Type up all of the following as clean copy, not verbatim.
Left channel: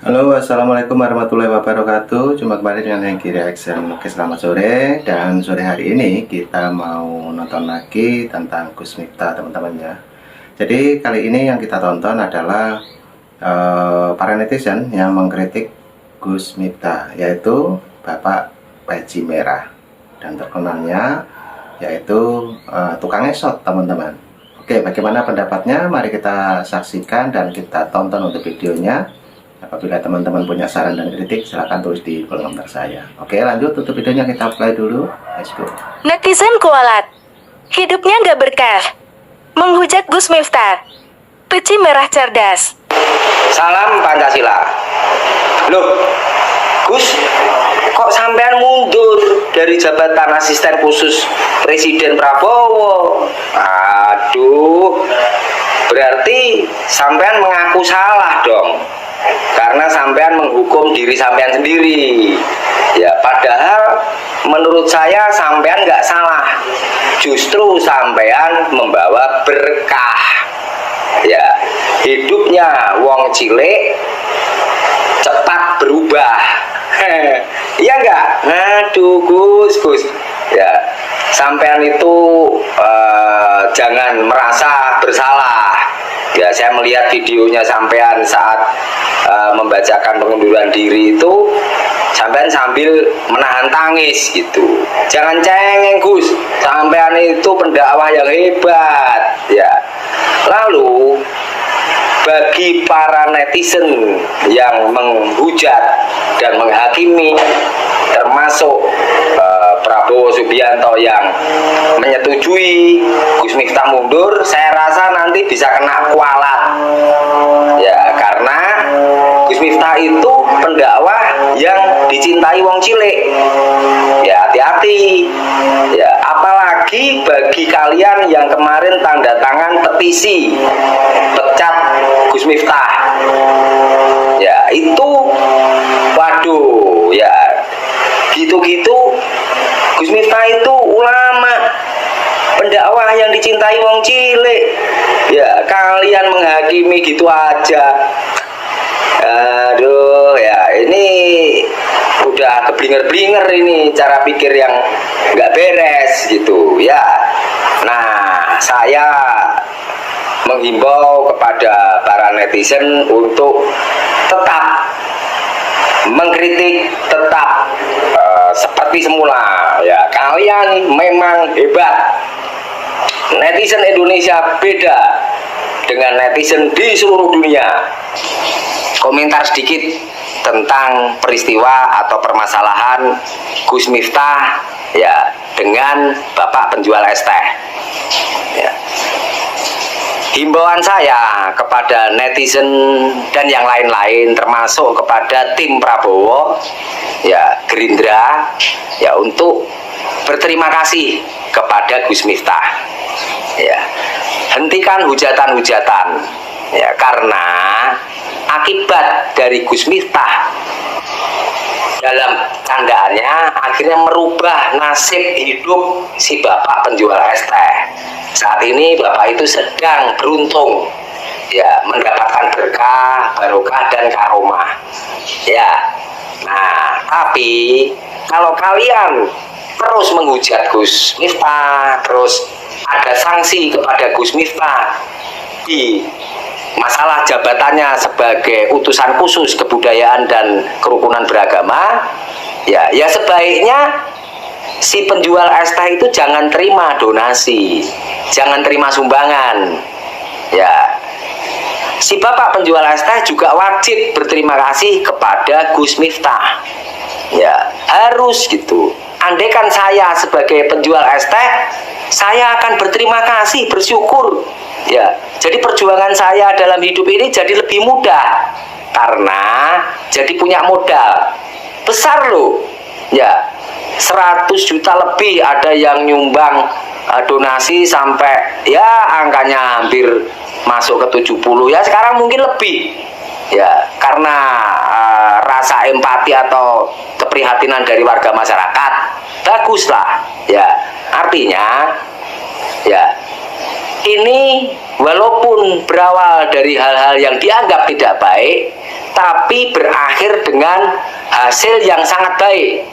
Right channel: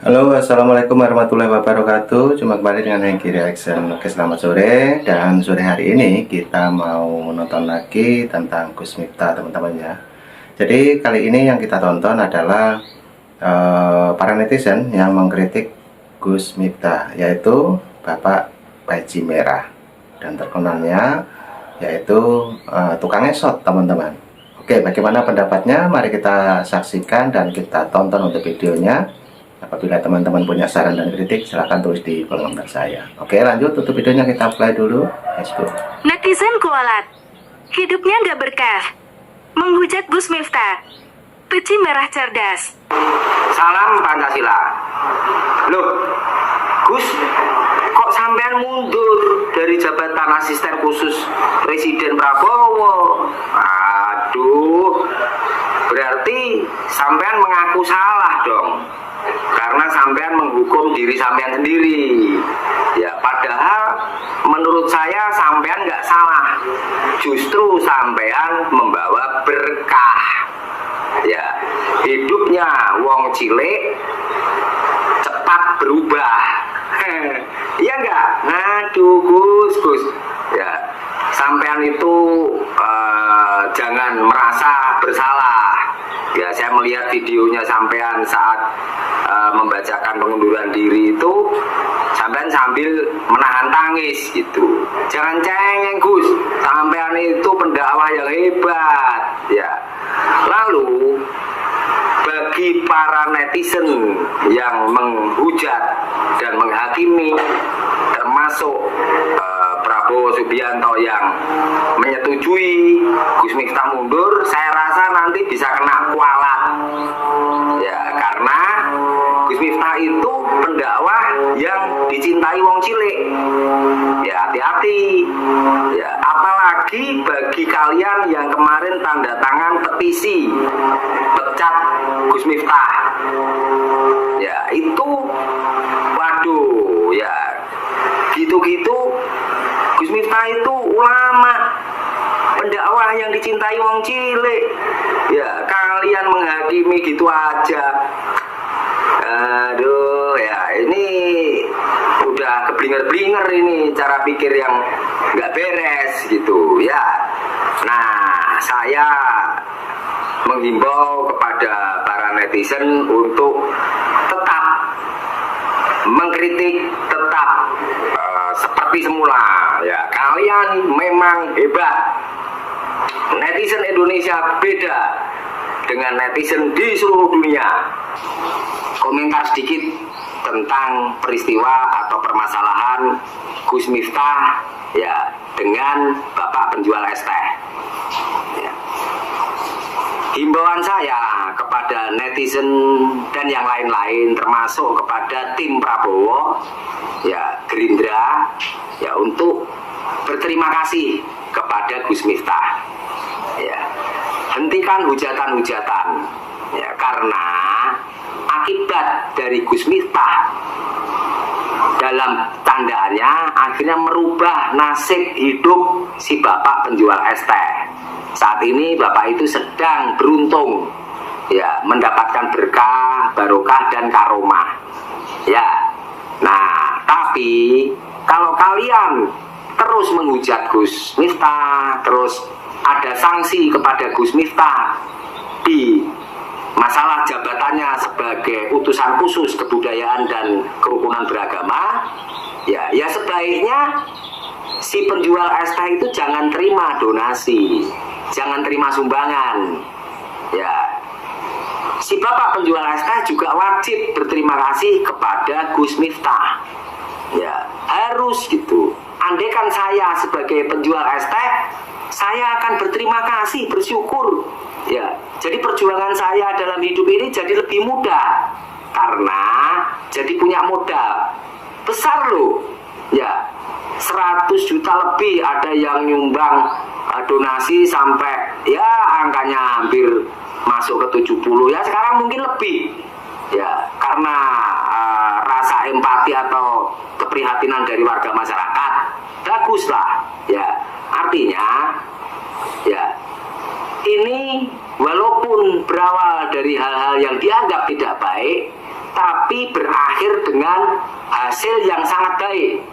Halo, assalamualaikum warahmatullahi wabarakatuh. Jumpa kembali dengan Hengki Reaction. Oke, selamat sore. Dan sore hari ini kita mau nonton lagi tentang Gus Miftah, teman-teman ya. Jadi kali ini yang kita tonton adalah para netizen yang mengkritik Gus Miftah, yaitu Bapak Baji Merah, dan terkenalnya yaitu tukang esot, teman-teman. Oke, bagaimana pendapatnya? Mari kita saksikan dan kita tonton untuk videonya. Apabila teman-teman punya saran dan kritik, silahkan tulis di kolom komentar saya. Oke, lanjut tutup videonya, kita play dulu. Let's go. Netizen kualat, hidupnya nggak berkah. Menghujat Gus Miftah, peci merah cerdas. Salam Pancasila. Loh, Gus, kok sampean mundur dari jabatan asisten khusus Presiden Prabowo? Aduh, berarti sampean mengaku salah dong. Karena sampean menghukum diri sampean sendiri. Ya, padahal menurut saya sampean nggak salah. Justru sampean membawa berkah. Ya, hidupnya wong cilik cepat berubah. Iya enggak? Aduh, Gus. Ya, sampean itu jangan merasa bersalah. Ya, saya melihat videonya sampean saat membacakan pengunduran diri itu, sampean sambil menahan tangis gitu. Jangan cengeng, Gus. Sampean itu pendakwah yang hebat. Ya. Lalu bagi para netizen yang menghujat dan menghakimi, termasuk Prabowo Subianto yang menyetujui Gus Miftah mundur, saya rasa nanti bisa kena kualat. Ya, karena Gus Miftah itu pendakwah yang dicintai wong cilik. Ya, hati-hati. Ya, apalagi bagi kalian yang kemarin tanda tangan petisi pecat Gus Miftah. Ya, itu waduh, ya gitu-gitu. Gus Miftah itu ulama, pendakwah yang dicintai wong cilik. Ya, kalian menghakimi gitu aja. Aduh, ya ini udah keblinger-blinger ini cara pikir yang nggak beres gitu ya. Nah, saya menghimbau kepada para netizen untuk tetap mengkritik, tetap seperti semula ya. Kalian memang hebat. Netizen Indonesia beda dengan netizen di seluruh dunia. Komentar sedikit tentang peristiwa atau permasalahan Gus Miftah ya dengan Bapak penjual es teh. Ya. Himbauan saya kepada netizen dan yang lain-lain, termasuk kepada tim Prabowo, ya Gerindra, ya untuk berterima kasih kepada Gus Miftah. Ya, hentikan hujatan-hujatan. Ya, karena akibat dari Gus Miftah dalam tandaannya akhirnya merubah nasib hidup si Bapak penjual es teh. Saat ini Bapak itu sedang beruntung ya mendapatkan berkah, barokah dan karomah. Ya. Nah, tapi kalau kalian terus menghujat Gus Miftah, terus ada sanksi kepada Gus Miftah di masalah jabatannya sebagai utusan khusus kebudayaan dan kerukunan beragama, ya sebaiknya si penjual es teh itu jangan terima donasi, jangan terima sumbangan. Ya, si Bapak penjual es teh juga wajib berterima kasih kepada Gus Miftah. Ya, harus gitu. Andaikan saya sebagai penjual es teh, saya akan berterima kasih, bersyukur. Ya, jadi perjuangan saya dalam hidup ini jadi lebih mudah karena jadi punya modal besar loh. Ya, 100 juta lebih ada yang nyumbang donasi sampai ya angkanya hampir masuk ke 70 ya, sekarang mungkin lebih ya, karena rasa empati atau keprihatinan dari warga masyarakat baguslah ya. Artinya ya ini walaupun berawal dari hal-hal yang dianggap tidak baik, tapi berakhir dengan hasil yang sangat baik.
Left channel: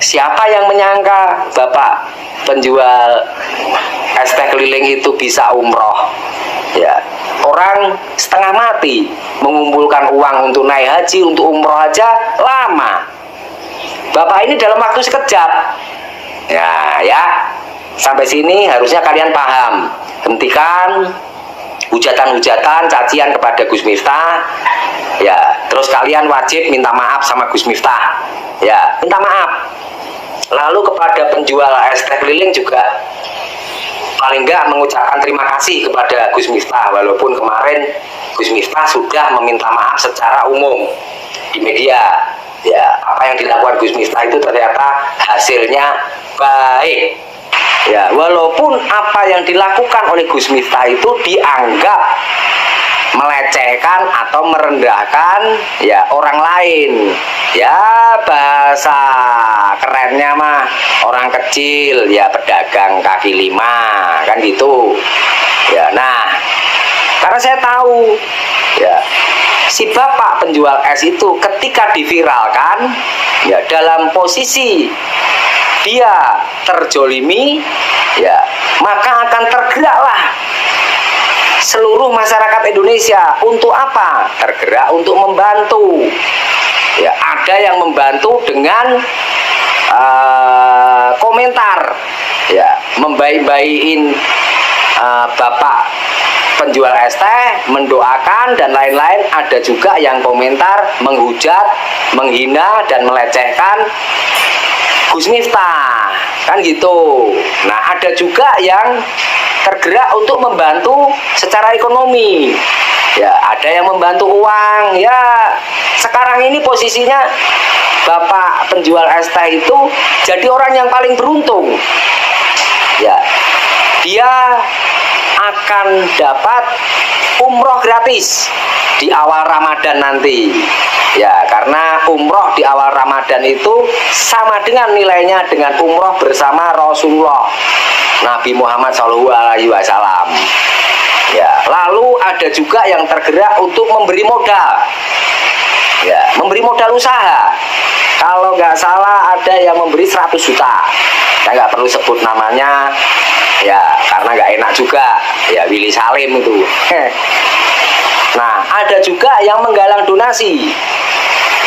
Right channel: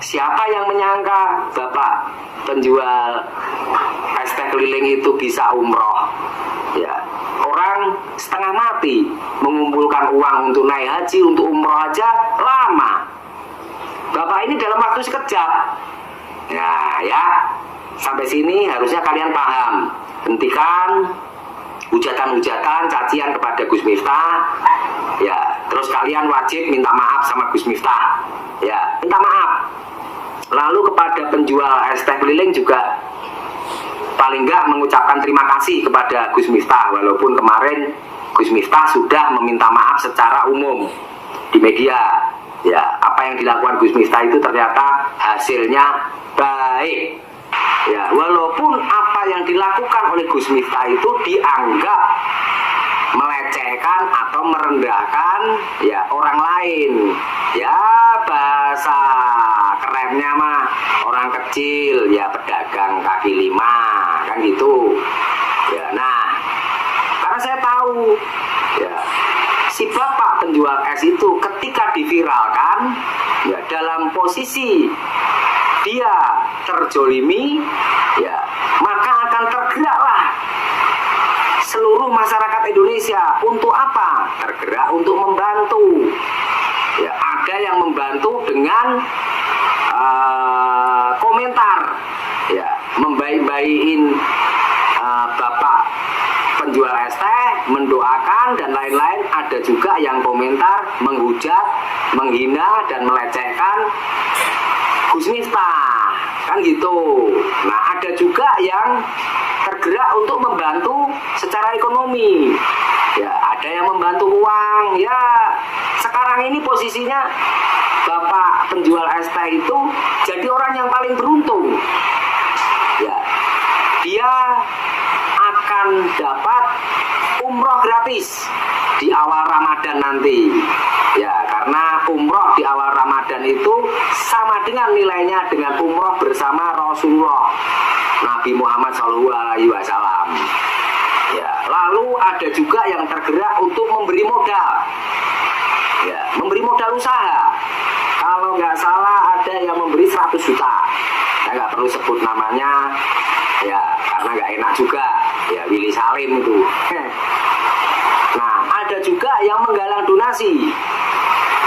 Siapa yang menyangka Bapak penjual es teh keliling itu bisa umroh? Ya, orang setengah mati mengumpulkan uang untuk naik haji, untuk umroh aja lama. Bapak ini dalam waktu sekejap. Ya, sampai sini harusnya kalian paham. Hentikan hujatan-hujatan, cacian kepada Gus Miftah. Ya, terus kalian wajib minta maaf sama Gus Miftah. Ya, minta maaf. Lalu kepada penjual es teh keliling juga paling enggak mengucapkan terima kasih kepada Gus Miftah, walaupun kemarin Gus Miftah sudah meminta maaf secara umum di media. Ya, apa yang dilakukan Gus Miftah itu ternyata hasilnya baik. Ya, walaupun apa yang dilakukan oleh Gus Miftah itu dianggap melecehkan atau merendahkan ya orang lain. Ya, bahasa kerennya mah orang kecil, ya pedagang kaki lima, kan gitu. Ya, nah, karena saya tahu ya si bapak penjual es itu ketika diviralkan ya dalam posisi dia terjolimi, ya maka akan tergeraklah seluruh masyarakat Indonesia. Untuk apa? Tergerak untuk membantu. Ya, ada yang membantu dengan komentar, ya membaik-baikin bapak penjual es teh, mendoakan dan lain-lain. Ada juga yang komentar menghujat, menghina dan melecehkan Gus Miftah, kan gitu. Nah, ada juga yang tergerak untuk membantu secara ekonomi. Ya, ada yang membantu uang. Ya, sekarang ini posisinya bapak penjual es teh itu jadi orang yang paling beruntung. Ya, dia akan dapat umroh gratis di awal Ramadan nanti. Ya, karena umroh di awal Ramadan itu sama dengan nilainya dengan umroh bersama Rasulullah Nabi Muhammad SAW. Ya, lalu ada juga yang tergerak untuk memberi modal. Ya, memberi modal usaha. Kalau nggak salah ada yang memberi 100 juta. Saya nggak perlu sebut namanya. Ya, karena nggak enak juga. Ya, Willy Salim itu. Nah, ada juga yang menggalang donasi.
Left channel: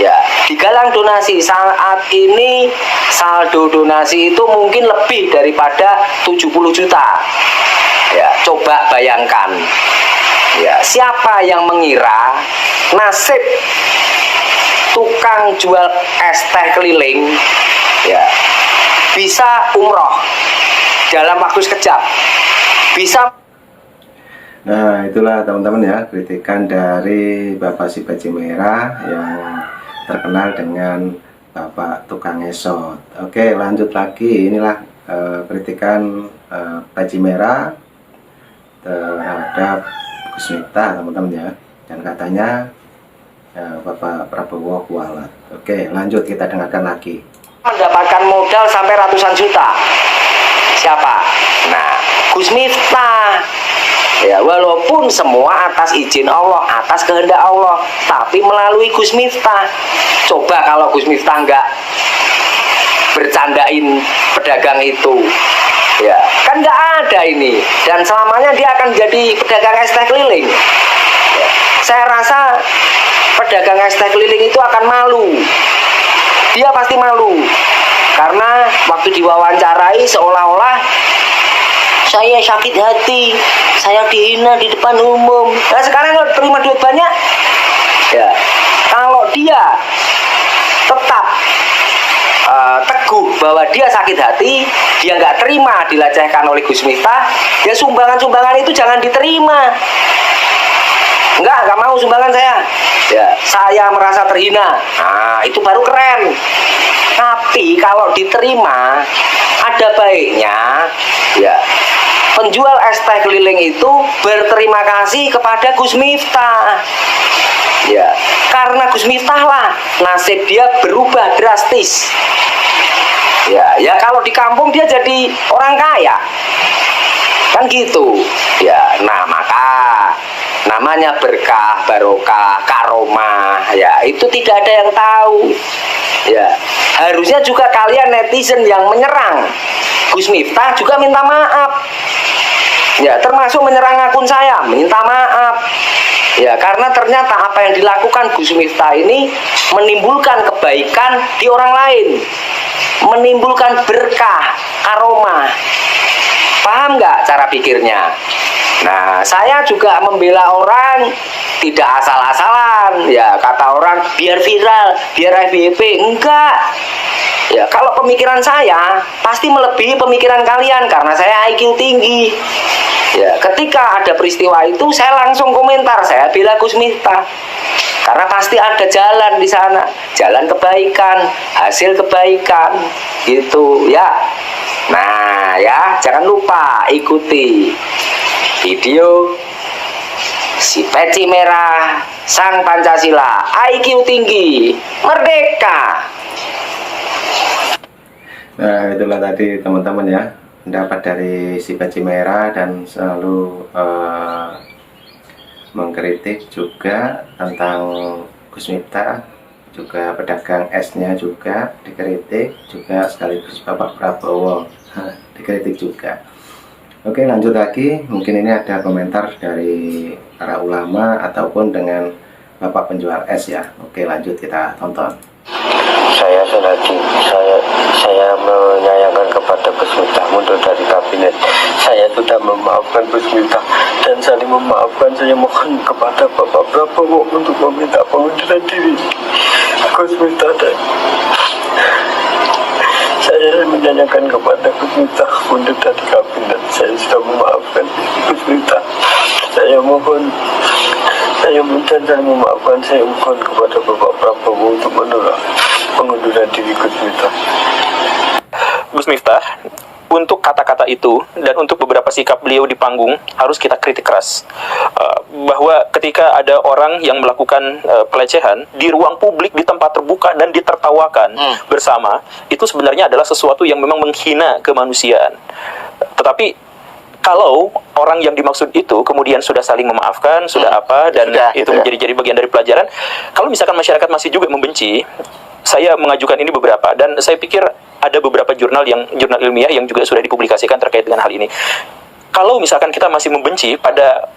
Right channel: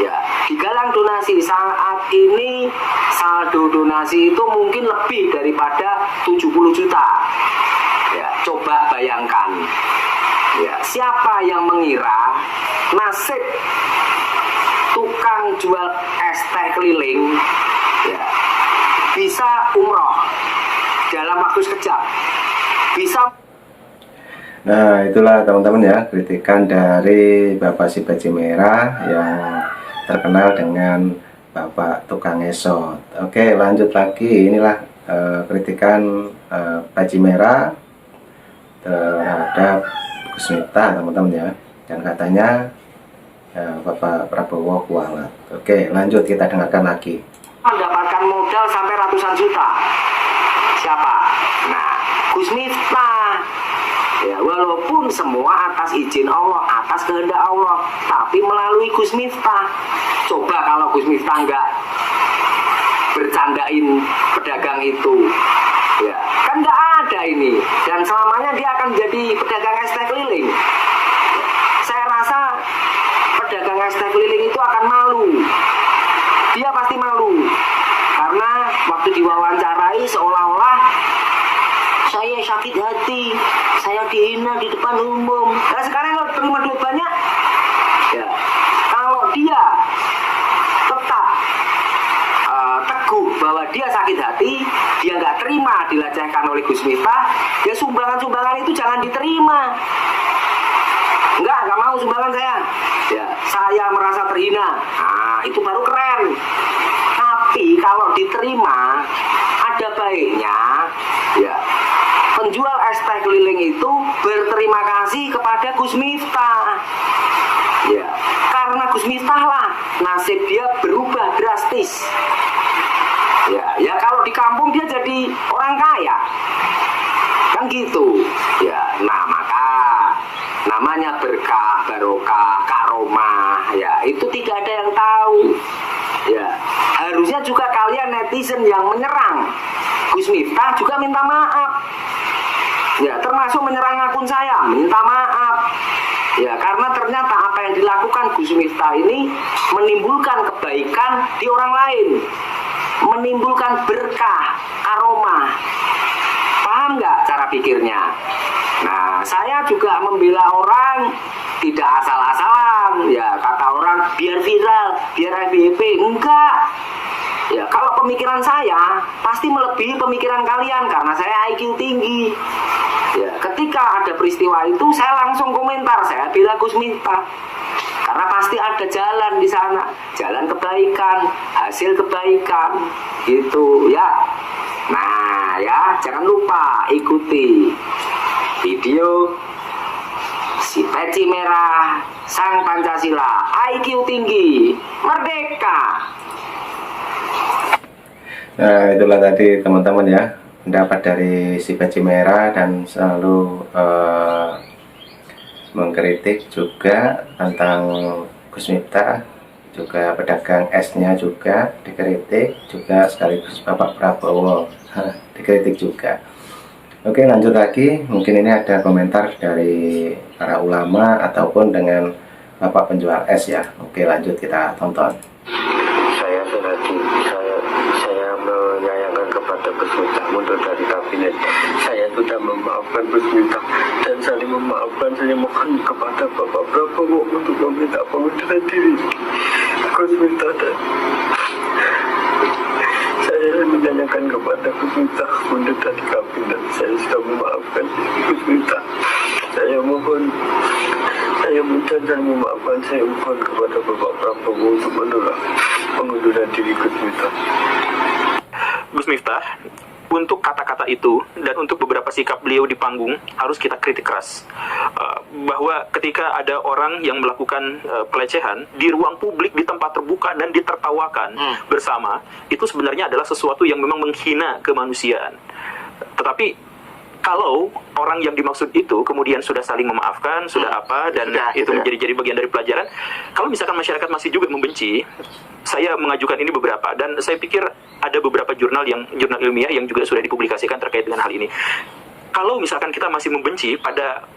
Ya, digalang donasi. Saat ini saldo donasi itu mungkin lebih daripada 70 juta. Ya, coba bayangkan. Ya, siapa yang mengira nasib tukang jual es teh keliling ya bisa umroh dalam waktu sekejap, bisa. Nah, itulah teman-teman ya, kritikan dari Bapak si Baji Merah yang terkenal dengan Bapak tukang esot. Oke, lanjut lagi. Inilah kritikan Baji Merah terhadap Gus Miftah, teman-teman ya. Dan katanya Bapak Prabowo kualat. Oke, lanjut kita dengarkan lagi. Mendapatkan modal sampai ratusan juta. Siapa? Nah, Gus Miftah. Ya, walaupun semua atas izin Allah, atas kehendak Allah, tapi melalui Gus Miftah. Coba kalau Gus Miftah nggak bercandain pedagang itu, ya kan nggak ada ini. Dan selamanya dia akan jadi pedagang es teh keliling. Ya, saya rasa pedagang es teh keliling itu akan malu. Dia pasti malu karena waktu diwawancarai seolah-olah saya sakit hati, saya dihina di depan umum. Nah, sekarang kalau terima duit banyak, ya kalau dia tetap teguh bahwa dia sakit hati, dia nggak terima dilecehkan oleh Gus Miftah, ya sumbangan-sumbangan itu jangan diterima. Nggak mau sumbangan saya. Ya, saya merasa terhina. Nah, itu baru keren. Tapi kalau diterima, ada baiknya ya penjual es teh keliling itu berterima kasih kepada Gus Miftah. Ya, karena Gus Miftah lah nasib dia berubah drastis. Ya kalau di kampung dia jadi orang kaya. Kan gitu. Ya, nah maka namanya berkah, barokah, karomah, ya itu tidak ada yang tahu. Ya, harusnya juga kalian netizen yang menyerang Gus Miftah juga minta maaf. Ya, termasuk menyerang akun saya, minta maaf. Ya, karena ternyata apa yang dilakukan Gus Miftah ini menimbulkan kebaikan di orang lain, menimbulkan berkah, karomah. Paham nggak cara pikirnya? Nah, saya juga membela orang tidak asal-asalan. Ya, kata orang biar viral, biar FYP. Enggak. Ya, kalau pemikiran saya pasti melebihi pemikiran kalian karena saya IQ tinggi. Ya, ketika ada peristiwa itu saya langsung komentar, saya bela Gus Miftah. Karena pasti ada jalan di sana, jalan kebaikan, hasil kebaikan, gitu ya. Nah, ya, jangan lupa ikuti video si peci merah sang Pancasila, IQ tinggi, merdeka. Nah, itulah tadi teman-teman ya, pendapat dari si peci merah dan selalu mengkritik juga tentang Gus Miftah, juga pedagang esnya juga dikritik, juga sekaligus Bapak Prabowo dikritik juga. Oke, lanjut lagi, mungkin ini ada komentar dari para ulama ataupun dengan Bapak penjual es ya. Oke, lanjut kita tonton. Saya Sonadi, saya menyayangkan kepada Gus Miftah mundur dari kabinet. Saya sudah memaafkan Gus Miftah dan saling memaafkan. Saya mohon kepada Bapak Prabowo untuk meminta pengunduran diri Gus Miftah, dan saya menyayangkan kepada Gus Miftah mundur dari kabinet. Saya sudah memaafkan Gus Miftah. Saya mohon memaafkan. Saya mohon kepada Bapak Prabowo untuk menolak pengunduran diri Gus Miftah. Gus Miftah, untuk kata-kata itu dan untuk beberapa sikap beliau di panggung harus kita kritik keras. Bahwa ketika ada orang yang melakukan pelecehan di ruang publik, di tempat terbuka dan ditertawakan bersama, itu sebenarnya adalah sesuatu yang memang menghina kemanusiaan. Tetapi kalau orang yang dimaksud itu kemudian sudah saling memaafkan, sudah apa, dan itu menjadi bagian dari pelajaran. Kalau misalkan masyarakat masih juga membenci, saya mengajukan ini beberapa, dan saya pikir ada beberapa jurnal ilmiah yang juga sudah dipublikasikan terkait dengan hal ini. Kalau misalkan kita masih membenci pada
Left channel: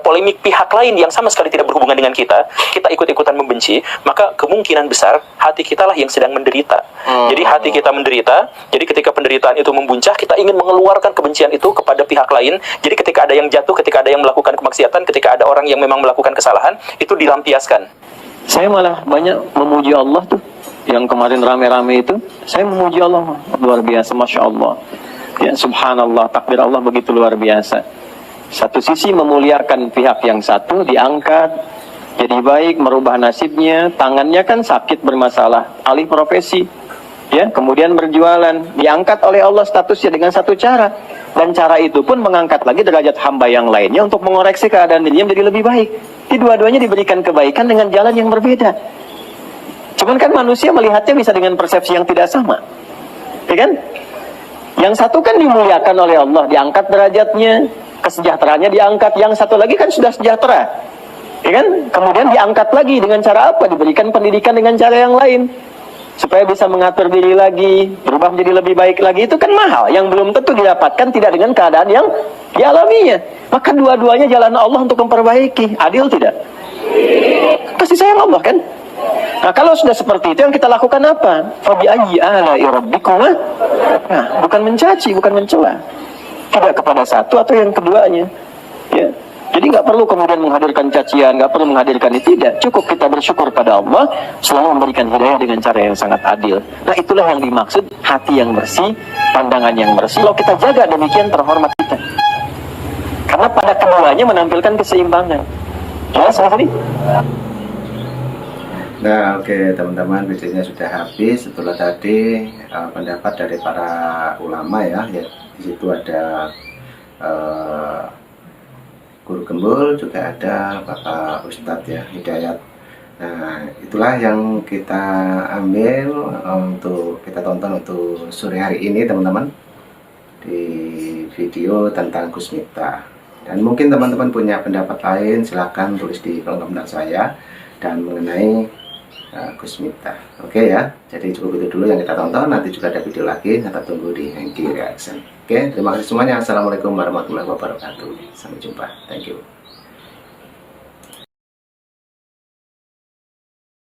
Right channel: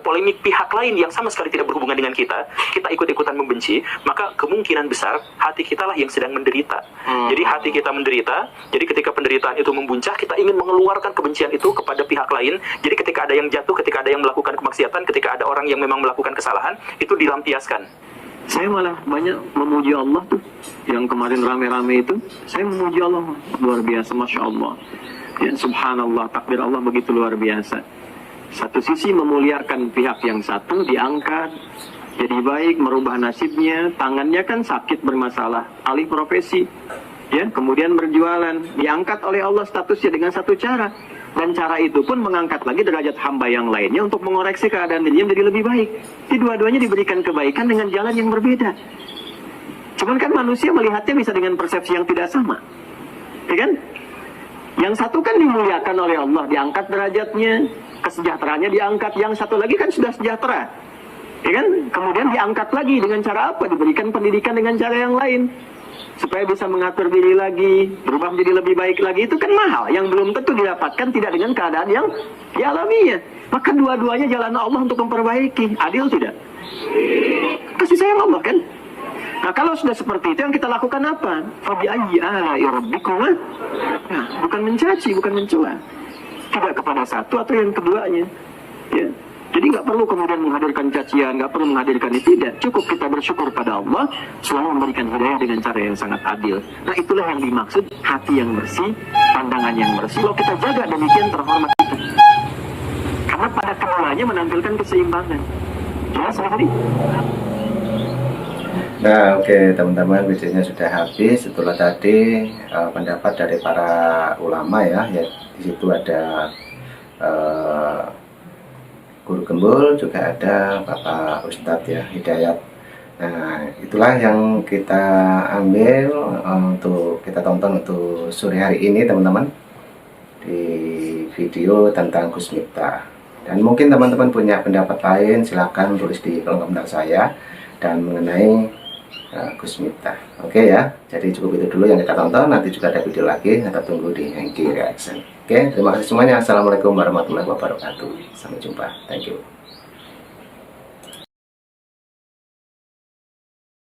polemik pihak lain yang sama sekali tidak berhubungan dengan kita ikut-ikutan membenci, maka kemungkinan besar hati kita lah yang sedang menderita. Jadi hati kita menderita, jadi ketika penderitaan itu membuncah, kita ingin mengeluarkan kebencian itu kepada pihak lain. Jadi ketika ada yang jatuh, ketika ada yang melakukan kemaksiatan, ketika ada orang yang memang melakukan kesalahan, itu dilampiaskan. Saya malah banyak memuji Allah tuh. Yang kemarin rame-rame itu, saya memuji Allah luar biasa, Masya Allah. Ya, subhanallah, takdir Allah begitu luar biasa. Satu sisi memuliakan pihak yang satu, diangkat, jadi baik, merubah nasibnya. Tangannya kan sakit, bermasalah, alih profesi, ya, kemudian berjualan, diangkat oleh Allah statusnya dengan satu cara. Dan cara itu pun mengangkat lagi derajat hamba yang lainnya untuk mengoreksi keadaan dirinya menjadi lebih baik. Di dua-duanya diberikan kebaikan dengan jalan yang berbeda. Cuman kan manusia melihatnya bisa dengan persepsi yang tidak sama, ya kan? Yang satu kan dimuliakan oleh Allah, diangkat derajatnya, kesejahteraannya diangkat. Yang satu lagi kan sudah sejahtera, ya kan? Kemudian diangkat lagi dengan cara apa? Diberikan pendidikan dengan cara yang lain, supaya bisa mengatur diri lagi, berubah menjadi lebih baik lagi. Itu kan mahal, yang belum tentu didapatkan tidak dengan keadaan yang dialaminya. Maka dua-duanya jalan Allah untuk memperbaiki. Adil tidak? Pasti sayang Allah kan? Nah, kalau sudah seperti itu, yang kita lakukan apa? Fabi'ayyi ala'i rabbikuma? Nah, bukan mencaci, bukan mencela. Tidak kepada satu atau yang keduanya. Ya. Jadi nggak perlu kemudian menghadirkan cacian, nggak perlu menghadirkan itu, tidak. Cukup kita bersyukur pada Allah, selalu memberikan hidayah dengan cara yang sangat adil. Nah, itulah yang dimaksud hati yang bersih, pandangan yang bersih. Kalau kita jaga demikian, terhormat kita. Karena pada keduanya menampilkan keseimbangan. Jelas tadi? Nah, oke teman-teman, videonya sudah habis. Itulah tadi pendapat dari para ulama ya. Di situ ada Guru Gembul, juga ada Bapak Ustadz ya, Hidayat. Nah, itulah yang kita ambil untuk kita tonton untuk sore hari ini teman-teman, di video tentang Gus Miftah. Dan mungkin teman-teman punya pendapat lain, silahkan tulis di kolom komentar saya dan mengenai Gus Miftah. Oke ya, jadi cukup itu dulu yang kita tonton. Nanti juga ada video lagi, kita tunggu di Hengki Reaction. Oke, terima kasih semuanya. Assalamualaikum warahmatullahi wabarakatuh. Sampai jumpa. Thank you.